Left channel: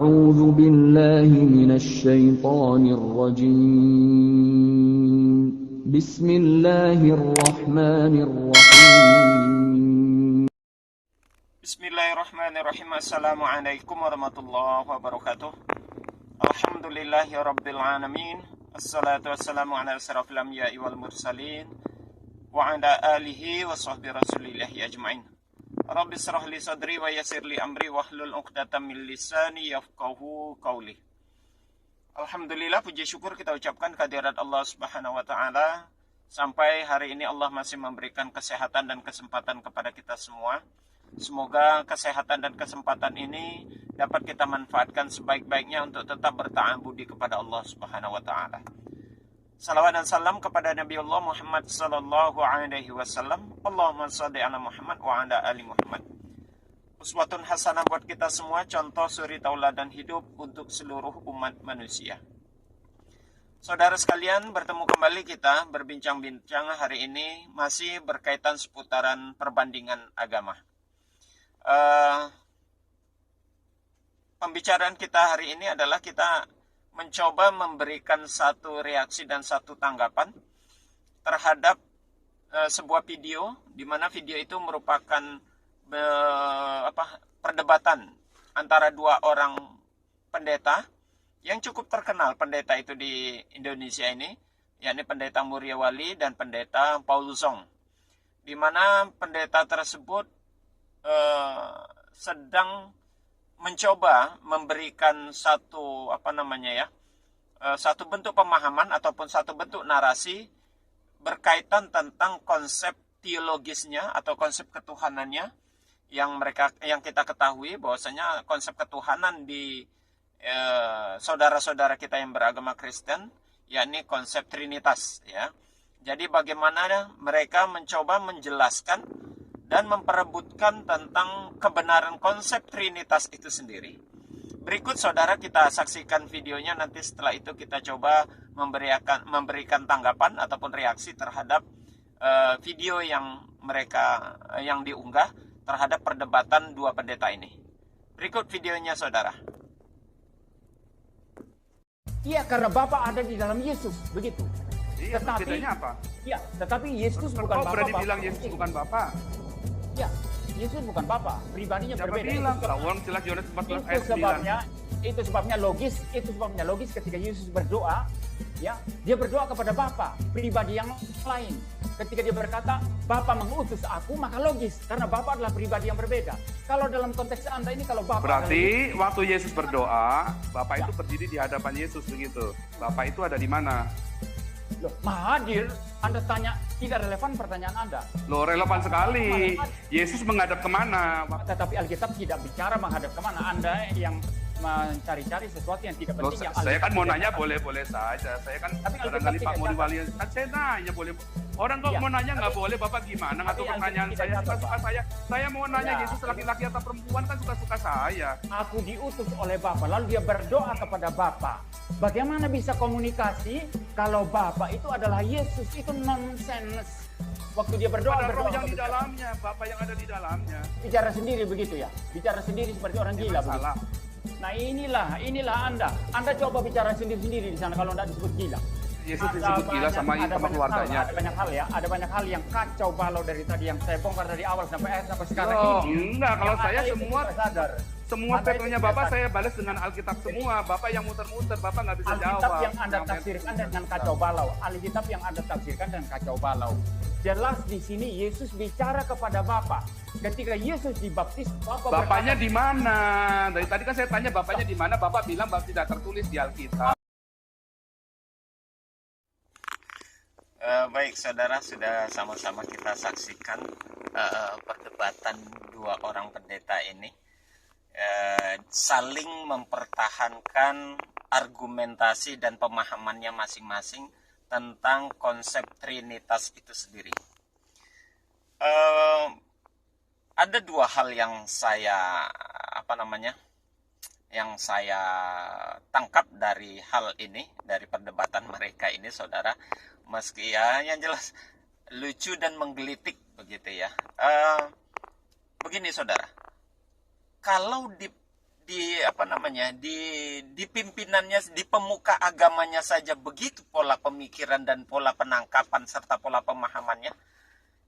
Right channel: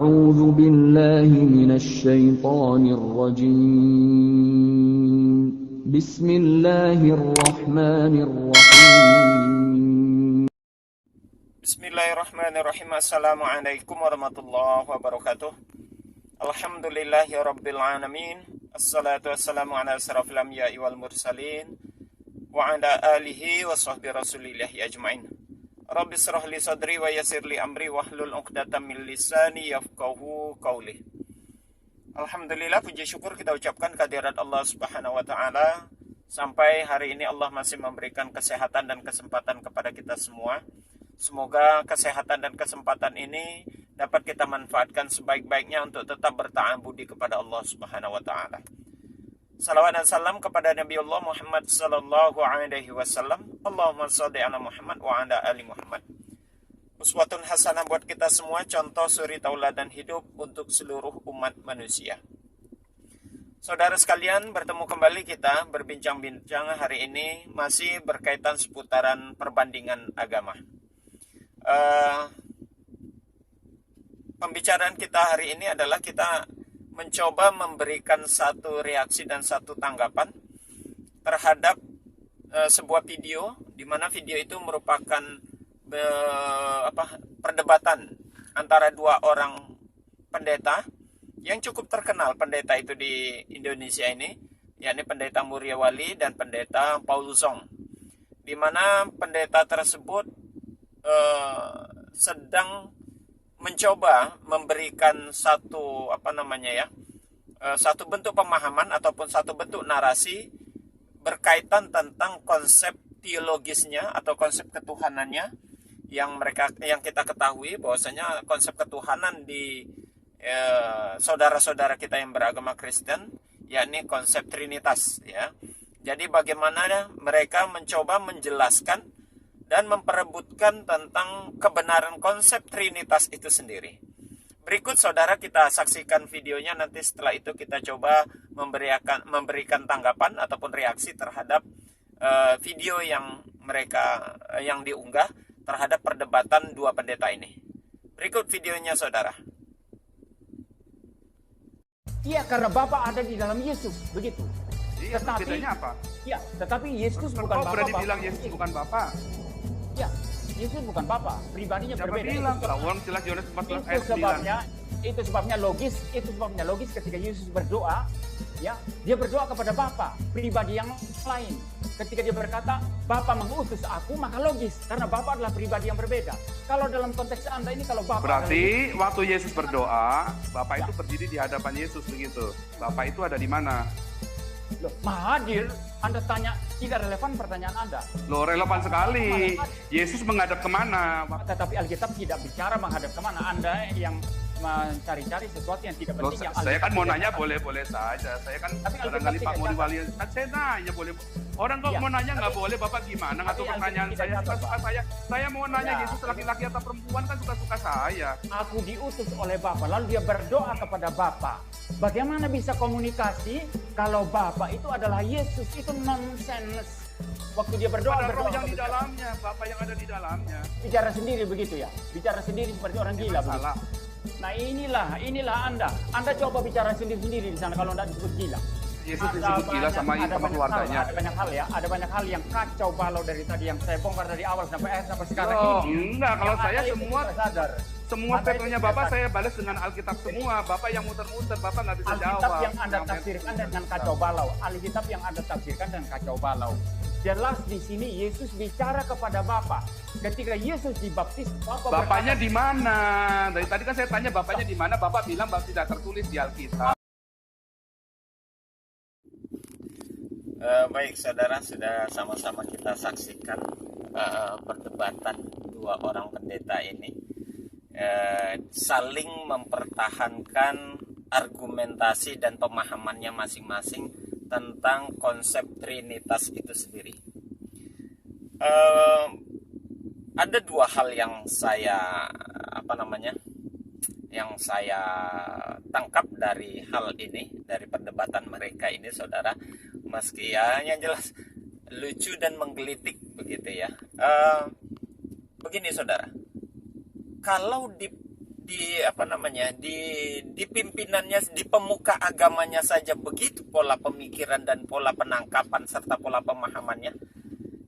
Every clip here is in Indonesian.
أعوذ بالله من الشيطان الرجيم بسم الله الرحمن الرحيم Bismillahirrahmanirrahim. Assalamualaikum warahmatullahi wabarakatuh. Alhamdulillahi rabbil alamin. Assalatu wassalamu ala asrafil anbiya'i wal mursalin wa ala alihi wa sahbihi rasulillahi ajma'in. Rabbi shrah li sadri wa yassir li amri wahlul 'uqdatam min lisani yafqahu qawli. Alhamdulillah, puji syukur kita ucapkan kehadirat Allah Subhanahu wa taala. Sampai hari ini Allah masih memberikan kesehatan dan kesempatan kepada kita semua. Semoga kesehatan dan kesempatan ini dapat kita manfaatkan sebaik-baiknya untuk tetap berta'abudi kepada Allah Subhanahu wa taala. Salawat dan salam kepada Nabi Allah Muhammad sallallahu alaihi wasallam. Allahumma shalli ala Muhammad wa ala ali Muhammad. Uswatun hasanah buat kita semua, contoh suri tauladan hidup untuk seluruh umat manusia. Saudara sekalian, bertemu kembali kita berbincang-bincang hari ini masih berkaitan seputaran perbandingan agama. Pembicaraan kita hari ini adalah kita mencoba memberikan satu reaksi dan satu tanggapan terhadap sebuah video, di mana video itu merupakan perdebatan antara dua orang pendeta yang cukup terkenal. Pendeta itu di Indonesia ini, yakni pendeta Muryawali dan pendeta Paul Zong, di mana pendeta tersebut sedang mencoba memberikan satu satu bentuk pemahaman ataupun satu bentuk narasi berkaitan tentang konsep teologisnya atau konsep ketuhanannya yang kita ketahui bahwasanya konsep ketuhanan di saudara-saudara kita yang beragama Kristen yakni konsep Trinitas, ya. Jadi bagaimana mereka mencoba menjelaskan dan memperebutkan tentang kebenaran konsep Trinitas itu sendiri. Berikut saudara kita saksikan videonya, nanti setelah itu kita coba memberikan tanggapan ataupun reaksi terhadap video yang diunggah terhadap perdebatan dua pendeta ini. Berikut videonya saudara. Iya, karena Bapa ada di dalam Yesus, begitu. Iya, bedanya apa? Iya, tetapi Yesus bukan Bapa. Berani bilang Yesus bukan Bapa? Ya, Yesus bukan Bapa, pribadinya Siapa berbeda. bilang? Orang jelas Yohanes 14 ayat 9. Itu sebabnya logis ketika Yesus berdoa, ya, dia berdoa kepada Bapa, pribadi yang lain. Ketika dia berkata, Bapa mengutus aku, maka logis karena Bapa adalah pribadi yang berbeda. Kalau dalam konteks Anda ini, kalau Bapa berarti waktu Yesus berdoa, Bapa ya, itu berdiri di hadapan Yesus begitu. Bapa itu ada di mana? Loh, Maha hadir. Anda tanya, tidak relevan pertanyaan Anda. Loh, relevan sekali. Yesus menghadap kemana? Tetapi Alkitab tidak bicara menghadap kemana. Anda yang mencari-cari sesuatu yang tidak penting. Loh, yang saya kan mau nanya bicara. boleh-boleh saja. Saya kan Tapi barangkali Alkitab Pak tidak Muryawali kan saya nanya boleh. Orang kok Ya, mau nanya nggak tapi- boleh, Bapak gimana? Ngatur tapi pertanyaan Alkitab saya tidak suka-suka catat, saya. Saya mau nanya Ya. Yesus laki-laki atau perempuan kan suka-suka saya. Aku diutus oleh Bapa, lalu dia berdoa kepada Bapa. Bagaimana bisa komunikasi kalau Bapa itu adalah Yesus? Itu nonsense. Waktu dia berdoa, Ada roh yang di kepada- dalamnya, Bapak yang ada di dalamnya. bicara sendiri begitu ya, bicara sendiri seperti orang gila. Memang salah. Begitu. Nah inilah Anda coba bicara sendiri-sendiri di sana kalau tidak disebut gila. Yesus Ada disebut gila banyak- sama ada banyak keluarganya. hal, ada banyak hal yang kacau balau dari tadi yang saya bongkar dari awal sampai akhir sampai sekarang Oh, ini. enggak, kalau Yang saya ada itu semua tidak sadar. semua Ada statementnya itu Bapak tidak saya balas dengan Alkitab semua. Bapak yang muter-muter, Bapak nggak bisa Alkitab jawab. yang Anda tafsirkan dengan kacau balau. Alkitab yang Anda tafsirkan dengan kacau balau. Jelas di sini Yesus bicara kepada Bapa. Ketika Yesus dibaptis, Bapaknya di mana? Dari tadi kan saya tanya Bapaknya di mana. Bapak bilang bahwa tidak tertulis di Alkitab. Baik saudara, sudah sama-sama kita saksikan perdebatan dua orang pendeta ini saling mempertahankan argumentasi dan pemahamannya masing-masing tentang konsep Trinitas itu sendiri. Ada dua hal yang saya tangkap dari hal ini, dari perdebatan mereka ini, saudara. Meski ya yang jelas lucu dan menggelitik begitu ya. Begini saudara, kalau di pimpinannya, di pemuka agamanya saja begitu pola pemikiran dan pola penangkapan serta pola pemahamannya.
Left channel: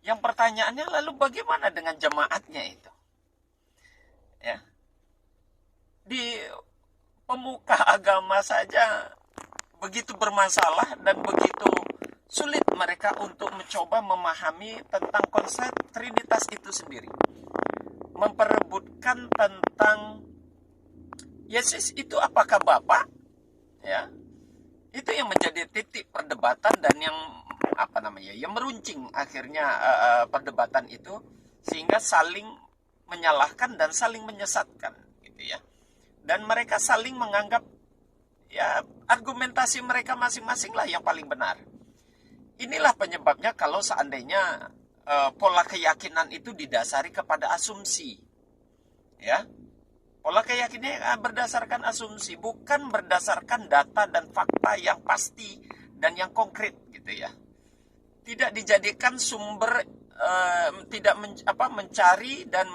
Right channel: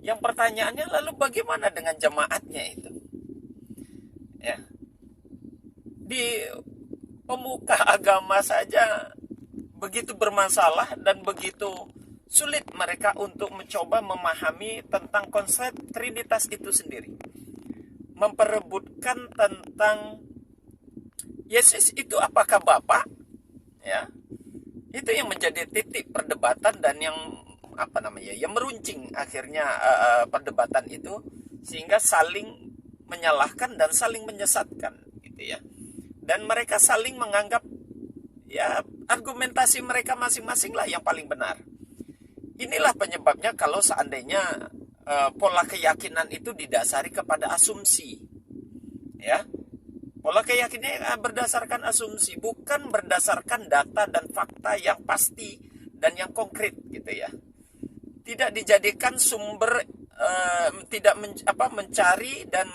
Yang pertanyaannya lalu bagaimana dengan jemaatnya itu? Ya. Di pemuka agama saja begitu bermasalah dan begitu sulit mereka untuk mencoba memahami tentang konsep Trinitas itu sendiri. Memperebutkan tentang Yesus itu apakah Bapa? Ya. Itu yang menjadi titik perdebatan dan yang yang meruncing akhirnya perdebatan itu, sehingga saling menyalahkan dan saling menyesatkan gitu ya. Dan mereka saling menganggap ya argumentasi mereka masing-masing lah yang paling benar. Inilah penyebabnya kalau seandainya pola keyakinan itu didasari kepada asumsi. Ya. Pola keyakinan berdasarkan asumsi, bukan berdasarkan data dan fakta yang pasti dan yang konkret gitu ya. Tidak dijadikan sumber, mencari dan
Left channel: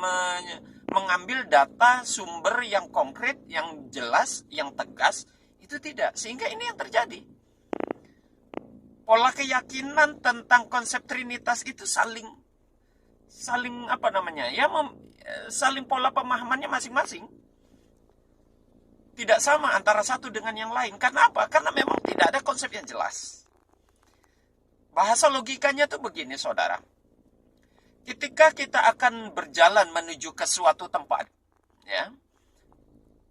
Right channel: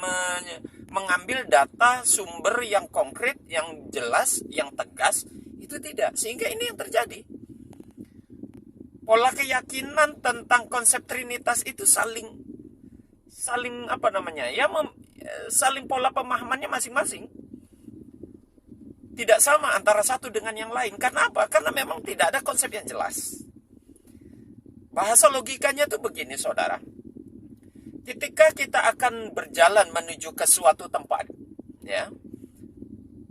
mengambil data sumber yang konkret, yang jelas, yang tegas, itu tidak. Sehingga ini yang terjadi. Pola keyakinan tentang konsep Trinitas itu saling saling pola pemahamannya masing-masing. Tidak sama antara satu dengan yang lain. Karena apa? Karena memang tidak ada konsep yang jelas. Bahasa logikanya tuh begini, saudara. Ketika kita akan berjalan menuju ke suatu tempat, ya,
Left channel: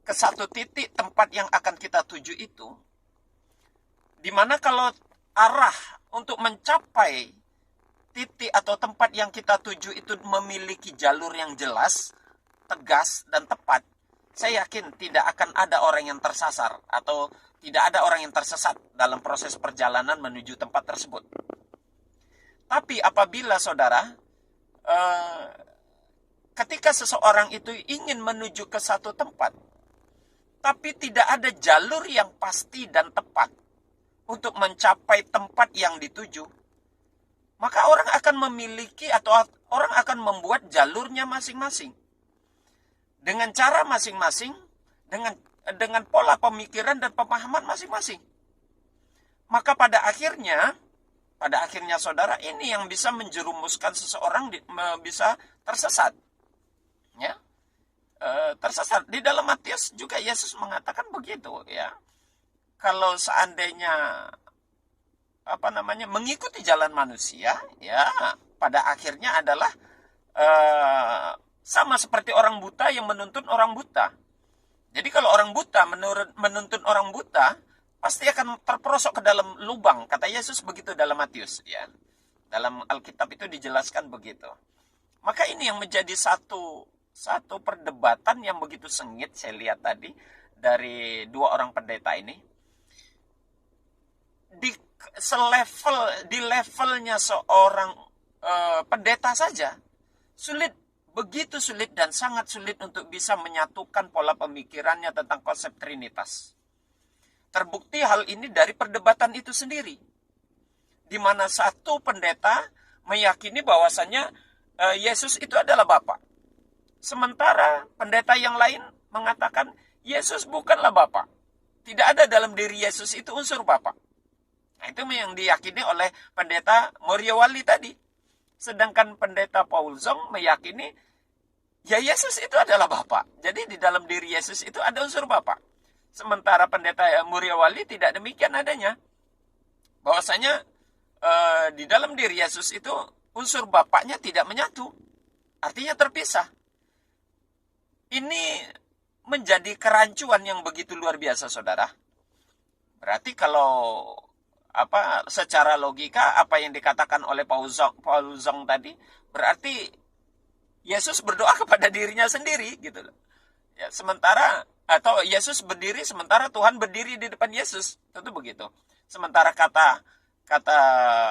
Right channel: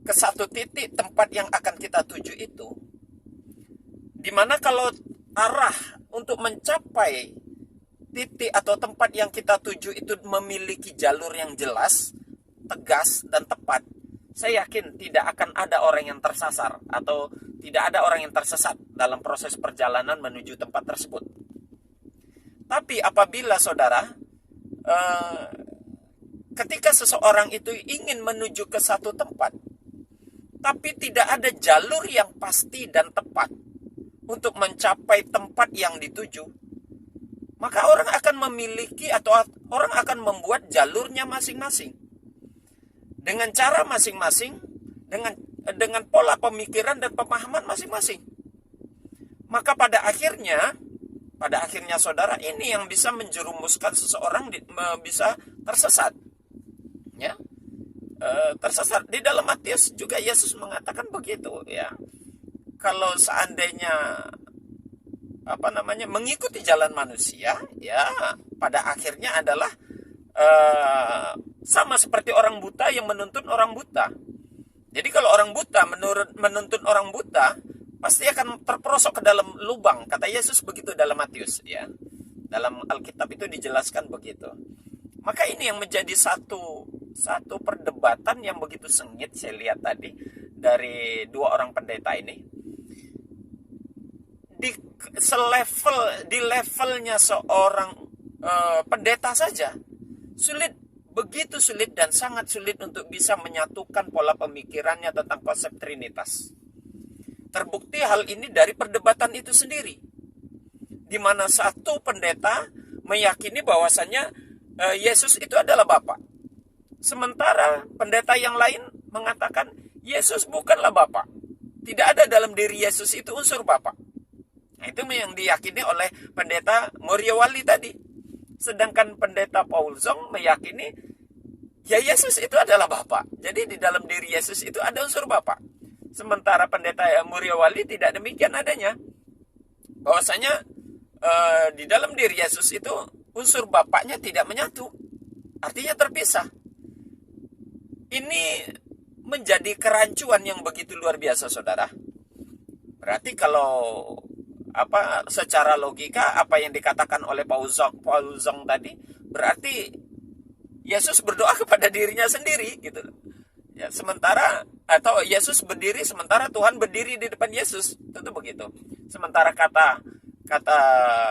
ke satu titik tempat yang akan kita tuju itu, dimana kalau arah untuk mencapai titik atau tempat yang kita tuju itu memiliki jalur yang jelas, tegas, dan tepat, saya yakin tidak akan ada orang yang tersasar atau tidak ada orang yang tersesat dalam proses perjalanan menuju tempat tersebut. Tapi apabila saudara, ketika seseorang itu ingin menuju ke satu tempat, tapi tidak ada jalur yang pasti dan tepat untuk mencapai tempat yang dituju, maka orang akan memiliki atau orang akan membuat jalurnya masing-masing. Dengan cara masing-masing, dengan pola pemikiran dan pemahaman masing-masing. Maka pada akhirnya saudara, ini yang bisa menjerumuskan seseorang bisa tersesat. Ya. Tersesat. Di dalam Matius juga Yesus mengatakan begitu, ya. Kalau seandainya mengikuti jalan manusia, ya pada akhirnya adalah sama seperti orang buta yang menuntun orang buta. Jadi kalau orang buta menuntun orang buta, pasti akan terperosok ke dalam lubang. Kata Yesus begitu dalam Matius, ya. Dalam Alkitab itu dijelaskan begitu. Maka ini yang menjadi satu perdebatan yang begitu sengit saya lihat tadi dari dua orang pendeta ini. Di levelnya seorang pendeta saja begitu sulit dan sangat sulit untuk bisa menyatukan pola pemikirannya tentang konsep Trinitas. Terbukti hal ini dari perdebatan itu sendiri, di mana satu pendeta meyakini bahwasannya Yesus itu adalah Bapa, sementara pendeta yang lain mengatakan Yesus bukanlah Bapa, tidak ada dalam diri Yesus itu unsur Bapa. Nah, itu yang diyakini oleh pendeta Moriawali tadi. Sedangkan pendeta Paul Zong meyakini ya Yesus itu adalah Bapa. Jadi di dalam diri Yesus itu ada unsur Bapa. Sementara pendeta Moriawali tidak demikian adanya. Bahwasanya di dalam diri Yesus itu unsur Bapaknya tidak menyatu. Artinya terpisah. Ini menjadi kerancuan yang begitu luar biasa, saudara. Berarti kalau secara logika apa yang dikatakan oleh Paul Zong tadi, berarti Yesus berdoa kepada dirinya sendiri gitu loh. Ya, atau Yesus berdiri sementara Tuhan berdiri di depan Yesus. Tentu begitu. Sementara kata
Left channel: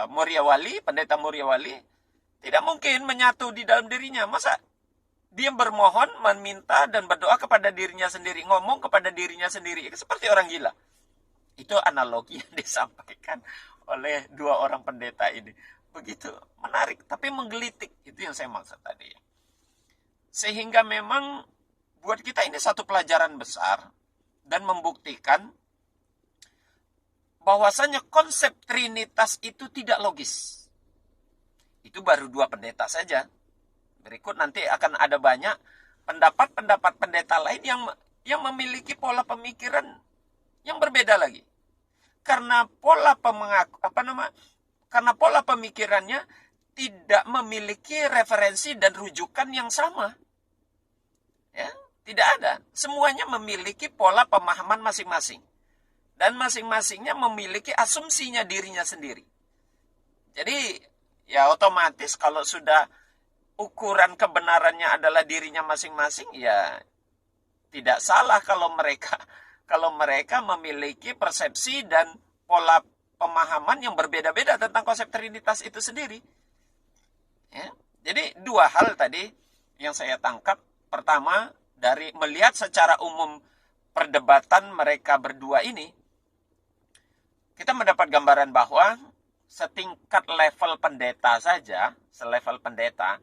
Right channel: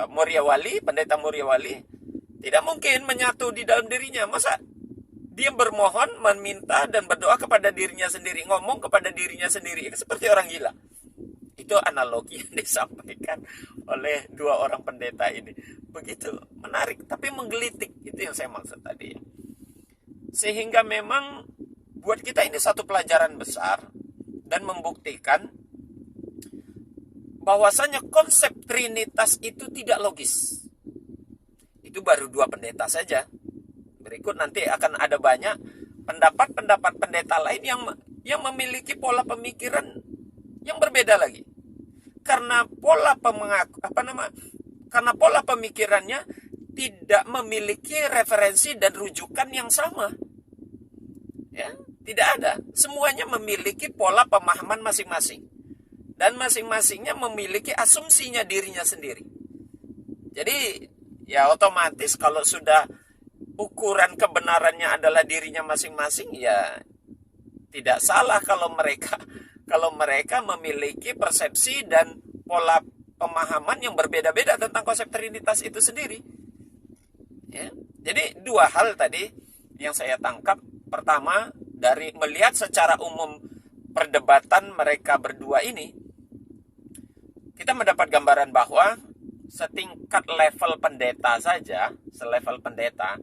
Moriawali, pendeta Moriawali, tidak mungkin menyatu di dalam dirinya. Masa dia bermohon, meminta dan berdoa kepada dirinya sendiri, ngomong kepada dirinya sendiri, seperti orang gila. Itu analogi yang disampaikan oleh dua orang pendeta ini. Begitu menarik, tapi menggelitik. Itu yang saya maksud tadi. Sehingga memang buat kita ini satu pelajaran besar dan membuktikan bahwasanya konsep Trinitas itu tidak logis. Itu baru 2 pendeta saja. Berikut nanti akan ada banyak pendapat-pendapat pendeta lain yang memiliki pola pemikiran yang berbeda lagi. Karena pola pemikirannya tidak memiliki referensi dan rujukan yang sama. Ya, tidak ada. Semuanya memiliki pola pemahaman masing-masing. Dan masing-masingnya memiliki asumsinya dirinya sendiri. Jadi, ya otomatis kalau sudah ukuran kebenarannya adalah dirinya masing-masing, ya tidak salah kalau mereka memiliki persepsi dan pola pemahaman yang berbeda-beda tentang konsep Trinitas itu sendiri. Ya. Jadi 2 hal tadi yang saya tangkap. Pertama, dari melihat secara umum perdebatan mereka berdua ini, kita mendapat gambaran bahwa setingkat level pendeta saja, selevel pendeta,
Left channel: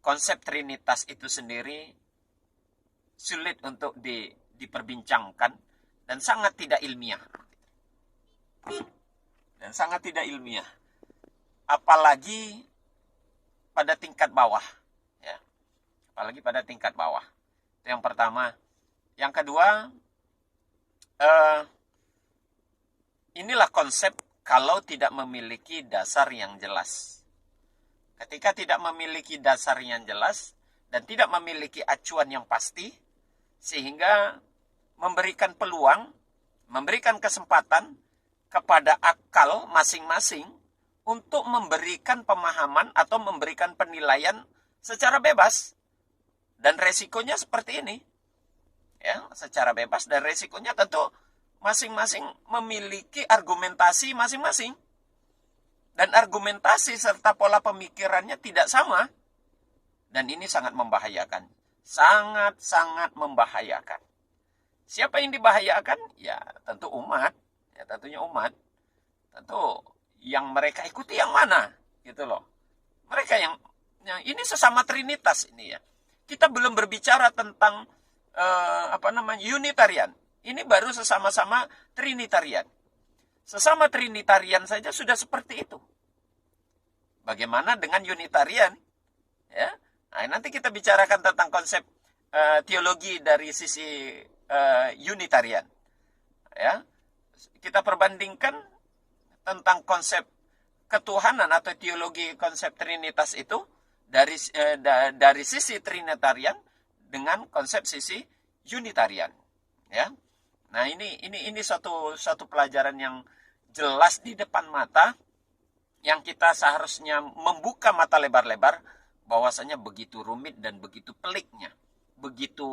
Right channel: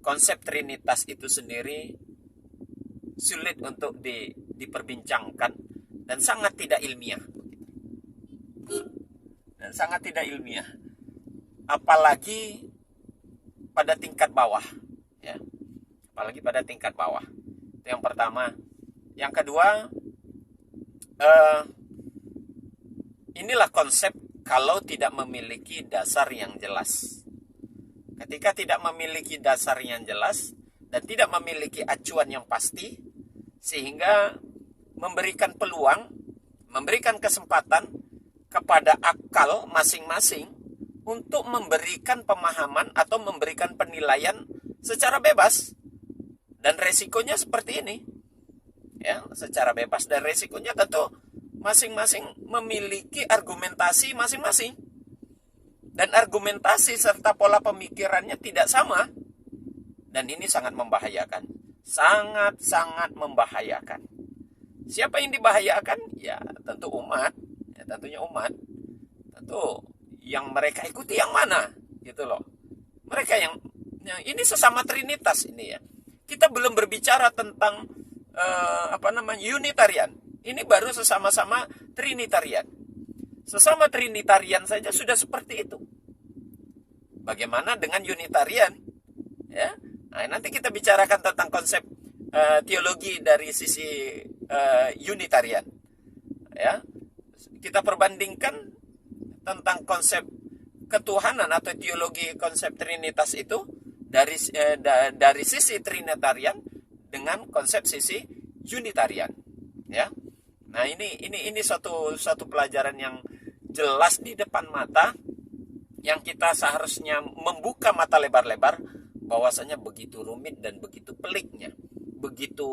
konsep Trinitas itu sendiri sulit untuk diperbincangkan dan sangat tidak ilmiah. Apalagi pada tingkat bawah, ya. Apalagi pada tingkat bawah. Itu yang pertama. Yang kedua, inilah konsep kalau tidak memiliki dasar yang jelas. Ketika tidak memiliki dasar yang jelas dan tidak memiliki acuan yang pasti, sehingga memberikan peluang, memberikan kesempatan kepada akal masing-masing untuk memberikan pemahaman atau memberikan penilaian secara bebas. Dan resikonya seperti ini. Ya, secara bebas dan resikonya tentu masing-masing memiliki argumentasi masing-masing. Dan argumentasi serta pola pemikirannya tidak sama. Dan ini sangat membahayakan. Sangat-sangat membahayakan. Siapa yang dibahayakan? Ya, tentu umat. Ya, tentunya umat. Tentu yang mereka ikuti yang mana? Gitu loh. Mereka yang ini sesama Trinitas ini ya. Kita belum berbicara tentang Unitarian. Ini baru sesama-sama Trinitarian. Sesama Trinitarian saja sudah seperti itu. Bagaimana dengan Unitarian? Ya, nah, nanti kita bicarakan tentang konsep teologi dari sisi Unitarian. Ya, kita perbandingkan tentang konsep ketuhanan atau teologi konsep Trinitas itu dari sisi Trinitarian dengan konsep sisi Unitarian, ya. Nah, ini satu pelajaran yang jelas di depan mata yang kita seharusnya membuka mata lebar-lebar bahwasanya begitu rumit dan begitu peliknya, begitu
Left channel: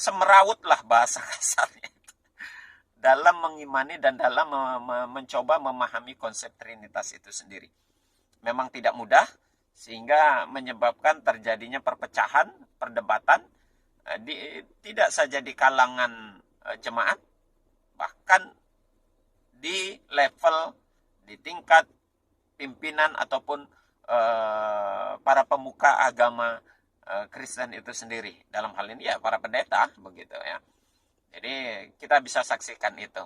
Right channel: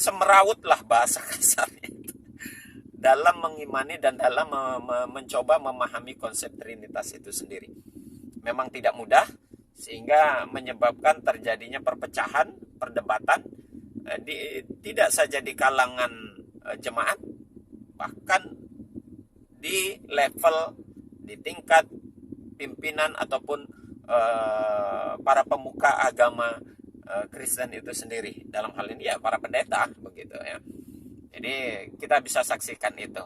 semerawut lah bahasa kasarnya dalam mengimani dan dalam mencoba memahami konsep Trinitas itu sendiri. Memang tidak mudah, sehingga menyebabkan terjadinya perpecahan, perdebatan, tidak saja di kalangan jemaat, bahkan di tingkat pimpinan ataupun para pemuka agama Kristen itu sendiri. Dalam hal ini ya para pendeta, begitu ya. Jadi kita bisa saksikan itu.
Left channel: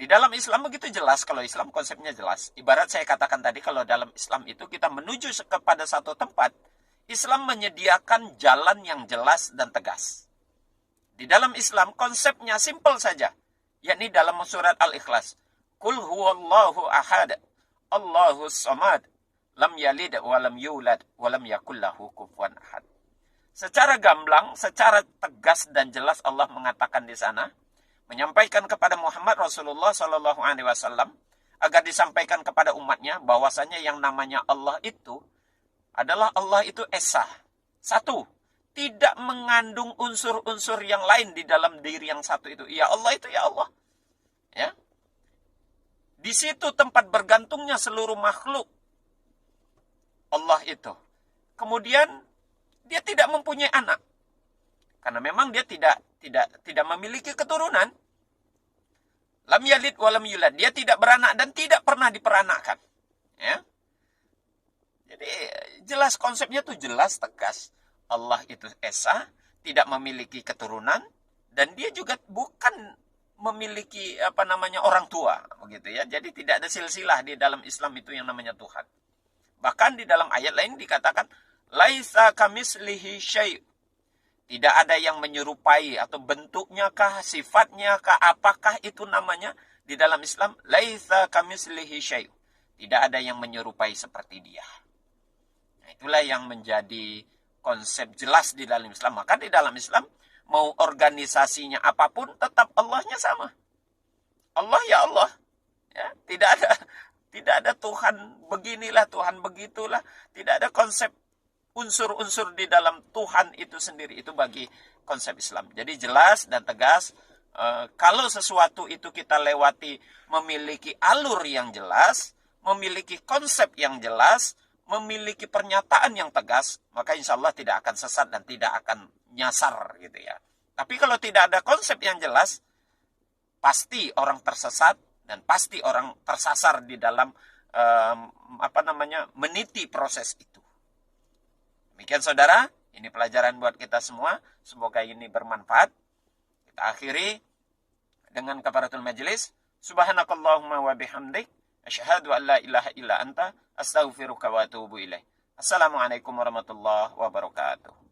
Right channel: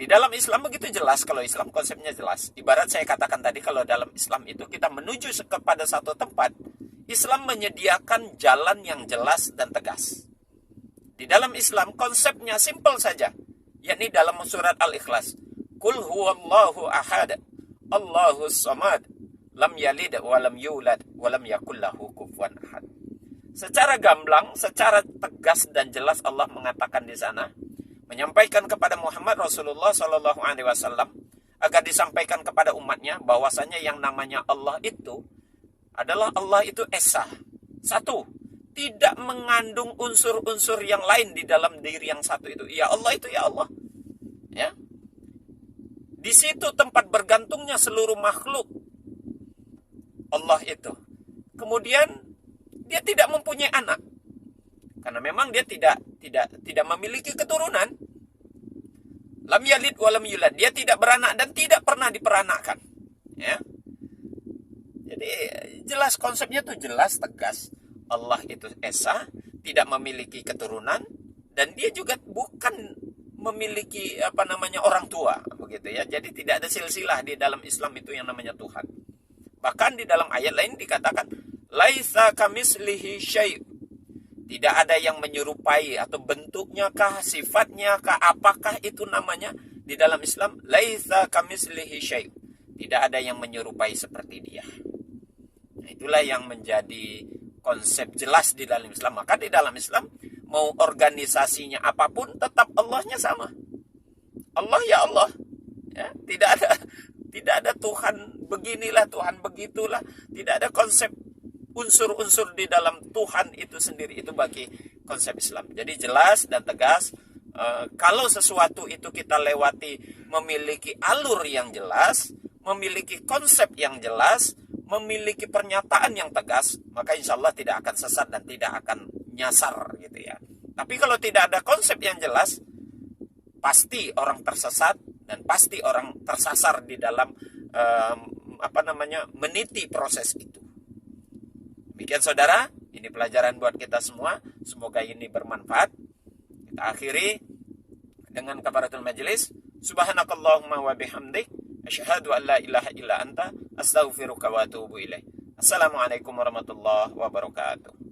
Di dalam Islam begitu jelas, kalau Islam konsepnya jelas. Ibarat saya katakan tadi, kalau dalam Islam itu kita menuju kepada satu tempat, Islam menyediakan jalan yang jelas dan tegas. Di dalam Islam konsepnya simpel saja, yakni dalam surat Al-Ikhlas. Qul huwallahu ahad, Allahus samad, lam yalid wa lam yulad wa lam yakul lahu kufuwan ahad. Secara gamblang, secara tegas dan jelas Allah mengatakan di sana, menyampaikan kepada Muhammad Rasulullah Sallallahu Alaihi Wasallam agar disampaikan kepada umatnya bahwasanya yang namanya Allah itu adalah Allah itu esa, satu, tidak mengandung unsur-unsur yang lain di dalam diri yang satu itu. Ya Allah itu ya Allah, ya. Di situ tempat bergantungnya seluruh makhluk Allah itu. Kemudian dia tidak mempunyai anak. Karena memang dia tidak memiliki keturunan. Lam yalid wa lam yulad. Dia tidak beranak dan tidak pernah diperanakkan. Ya. Jadi Jadi jelas konsepnya tuh jelas tegas. Allah itu esa, tidak memiliki keturunan, dan dia juga bukan memiliki orang tua, begitu ya. Jadi tidak ada silsilah di dalam Islam itu yang namanya Tuhan. Bahkan di dalam ayat lain dikatakan laisa kamislihi syai'. Tidak ada yang menyerupai atau bentuknya kah, sifatnya kah, apakah itu namanya di dalam Islam laisa kamislihi syai'. Tidak ada yang menyerupai seperti dia. Nah, itulah yang menjadi konsep jelas di dalam Islam. Maka di dalam Islam mau organisasinya apapun tetap Allahnya sama. Allah ya Allah. Ya, tidak ada Tuhan beginilah, Tuhan begitulah. Tidak ada konsep unsur-unsur di dalam Tuhan itu sendiri. Itu bagi konsep Islam. Jadi jelas dan tegas. Kalau sesuatu itu kita lewati memiliki alur yang jelas, memiliki konsep yang jelas, memiliki pernyataan yang tegas, maka insya Allah tidak akan sesat dan tidak akan nyasar gitu ya. Tapi kalau tidak ada konsep yang jelas, pasti orang tersesat dan pasti orang tersasar di dalam meniti proses itu. Demikian saudara, ini pelajaran buat kita semua. Semoga ini bermanfaat. Kita akhiri dengan kafaratul majelis. Subhanakallahumma wa bihamdik, asyhadu an la ilaha illa anta, astaghfiruka wa atubu ilaik. Assalamualaikum warahmatullahi wabarakatuh.